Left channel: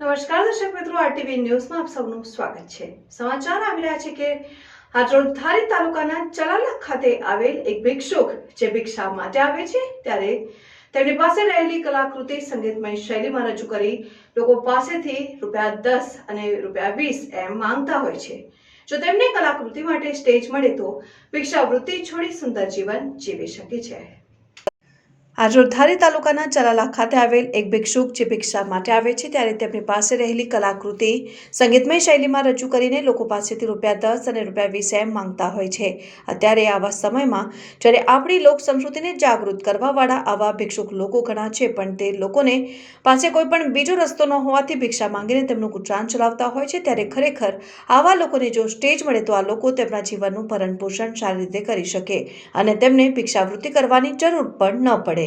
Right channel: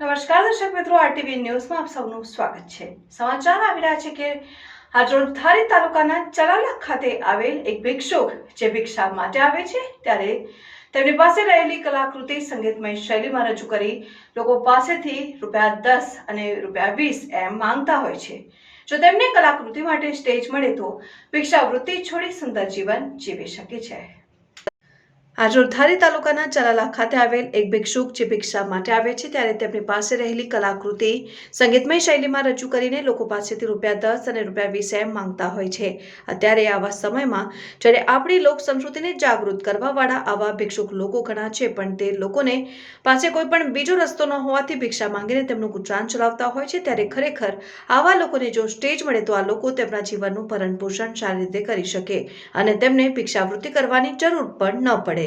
નમસ્કાર દર્શક મિત્રો, આરટીવી ન્યૂઝમાં આપ સૌનું સ્વાગત છે. સમાચાર આવી રહ્યા છે કે હાજરોડ ધારી તાલુકાના ચલાલા ખાતે આવેલ એક ભિક્ષુક, જે ભિક્ષા માટે આવે છે, ત્યારે તેમની પાસે રહેલી કલાકૃતિ સંગીતમય શૈલીમાં રજૂ કરી લોકો પાસેથી રૂપિયા દસ અને રૂપિયા વીસ એમ માંગતા હોય છે. જો તેમને કલાકૃતિ માટે સ્ટેજ મળે તો ભિક્ષાવૃત્તિ છોડી સુંદર જીવન જીવી શકે છે. આજરોડ ધારી તાલુકાના ચલાલા ખાતે આવેલ એક ભિક્ષુક જે ભિક્ષા માટે આવે છે, ત્યારે તેમની પાસે રહેલી કલાકૃતિ સંગીતમય શૈલીમાં રજૂ કરીને લોકો પાસેથી રૂપિયા દસ અને રૂપિયા વીસ એમ માંગતા હોય છે. અત્યારે આવા સમયમાં જ્યારે આપણી લોક સંસ્કૃતિને જાગૃત કરવાવાળા આવા ભિક્ષુક લોકો ઘણા છે, પણ તે લોકોને પાસે કોઈ પણ બીજો રસ્તો ન હોવાથી ભિક્ષા માંગીને તેમનું ગુજરાન ચલાવતા હોય છે. ત્યારે ખરેખર આવા લોકોને જો સ્ટેજ મળે, તો આ લોકો તેમના જીવનનું ભરણપોષણ સારી રીતે કરી શકે અને તેમને ભિક્ષાવૃત્તિ કરવાની જરૂર પણ ન પડે.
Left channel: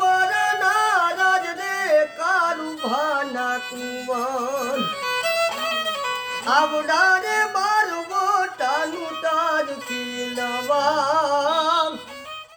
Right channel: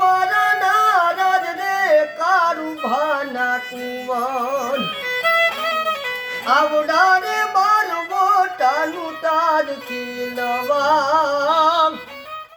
વારા નારાજ રે કારુ ભાના કુંવર આવડારે બાર ছিল